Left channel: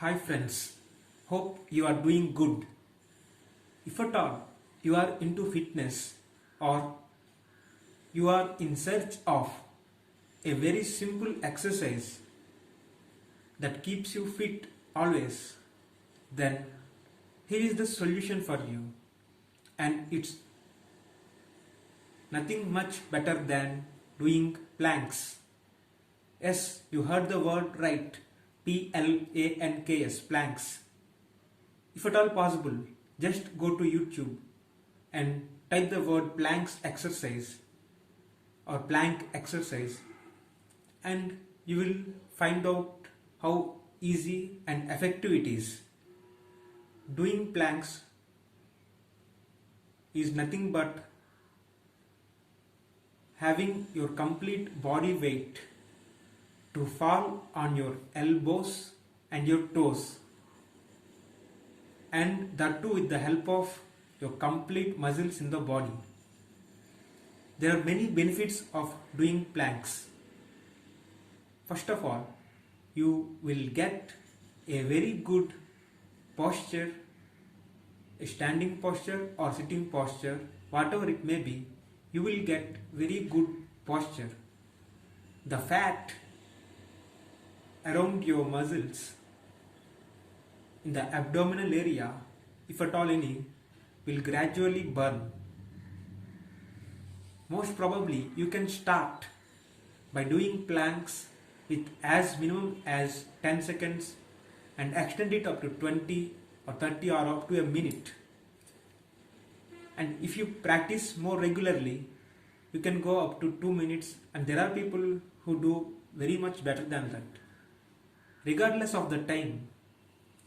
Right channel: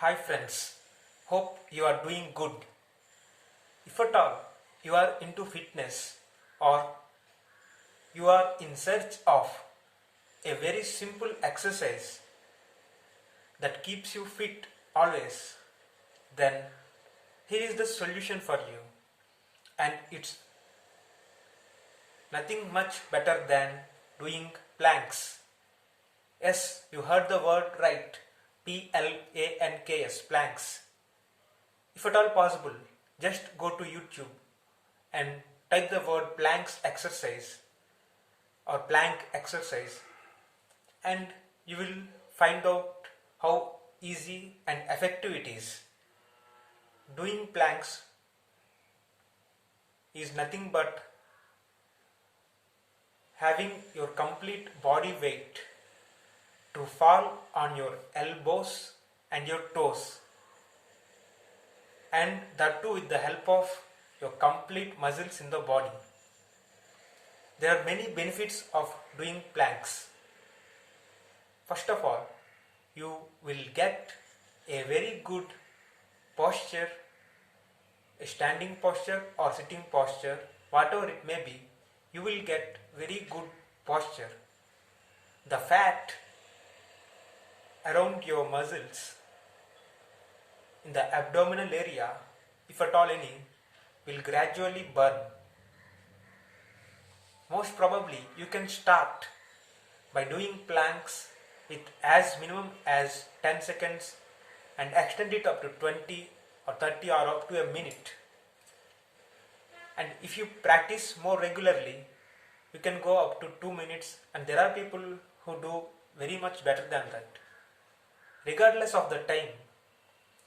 Hi friends, hope you are doing good. If at all you are into fitness or you are in search of a very simple exercise that keeps you fit always, then here is the solution for you, and it's nothing much better than doing planks. Yes, you heard the word right. PLANKS, planks. If at all possible, just go to YouTube and type the word planks exercise or plank exercise, and you will find out how easy and effective it is. Doing planks is nothing but having your complete body weight to fall on your elbows and your toes, and that too with the help of your complete muscles in the body. There are many benefits of doing planks. First of all, you will get a very good posture, a standing posture or sitting posture, whatever it may be, you will get very good posture. The fat around your muscles in the abdominal area, if at all any, will gradually burn. Most probably you can start by doing planks with as minimum as 10 seconds and extend it up to 20 or 30 or up to a minute. And if you practice more regularly, you can go up to 2 minutes, and there are people who do very much better than that. Regardless of the time,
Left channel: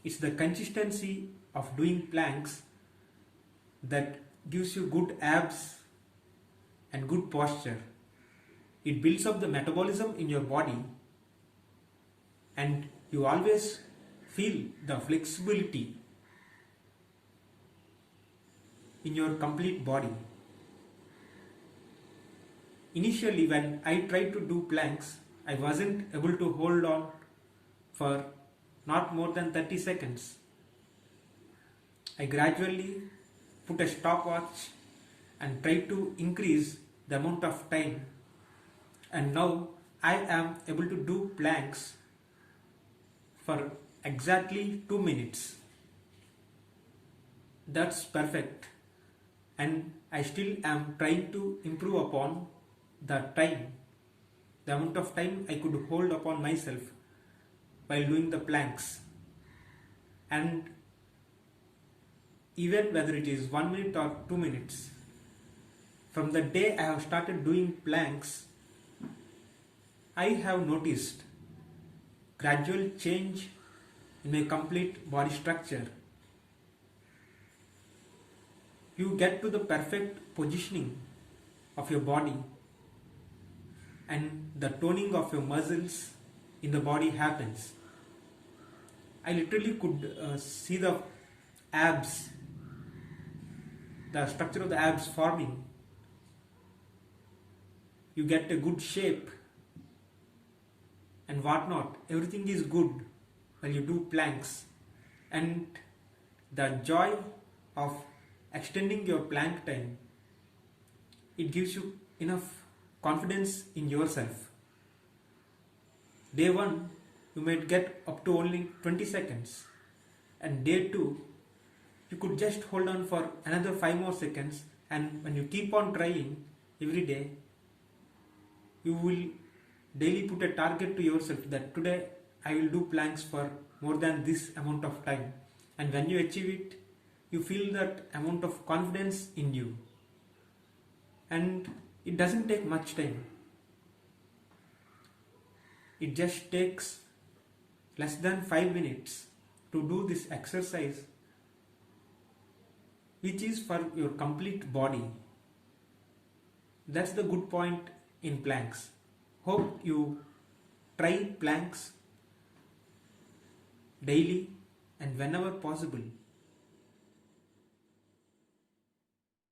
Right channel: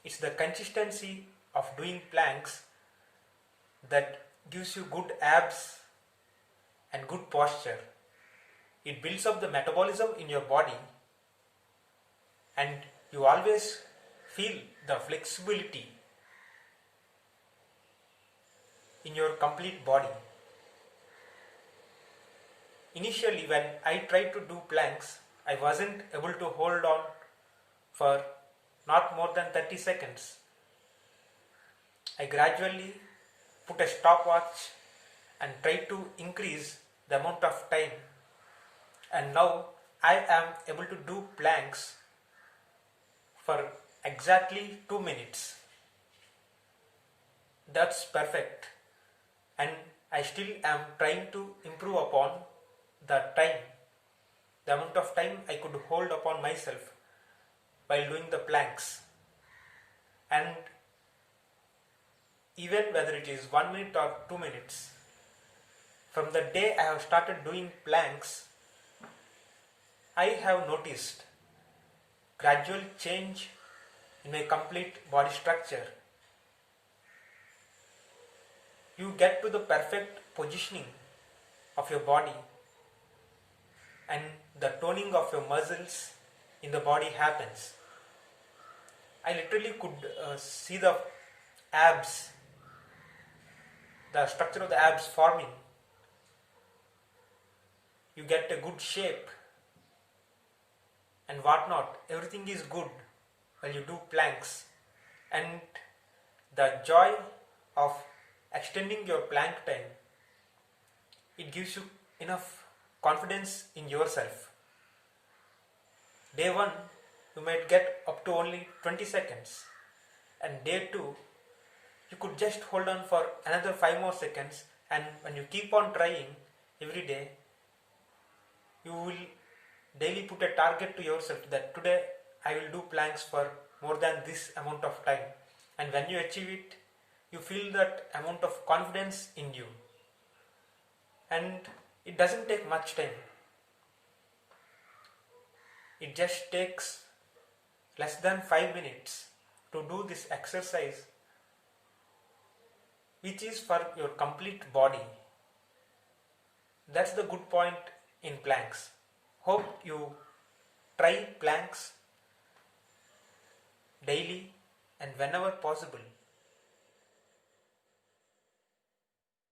it's the consistency of doing planks that gives you good abs and good posture. It builds up the metabolism in your body, and you always feel the flexibility in your complete body. Initially, when I tried to do planks, I wasn't able to hold on for not more than 30 seconds. I gradually put a stopwatch and tried to increase the amount of time, and now I am able to do planks for exactly 2 minutes. That's perfect, and I still am trying to improve upon the time, the amount of time I could hold upon myself while doing the planks. And even whether it is 1 minute or 2 minutes, from the day I have started doing planks, I have noticed gradual change in my complete body structure. You get to the perfect positioning of your body, and the toning of your muscles in the body happens. I literally could see the abs, the structure of the abs forming. You get a good shape and whatnot. Everything is good while you do planks, and the joy of extending your plank time, it gives you enough confidence in yourself. Day 1, you might get up to only 20 seconds, and day 2, you could just hold on for another 5 more seconds, and when you keep on trying every day, you will daily put a target to yourself that today I will do planks for more than this amount of time, and when you achieve it, you feel that amount of confidence in you, and it doesn't take much time. It just takes less than 5 minutes to do this exercise, which is for your complete body. That's the good point in planks. Hope you try planks daily and whenever possible.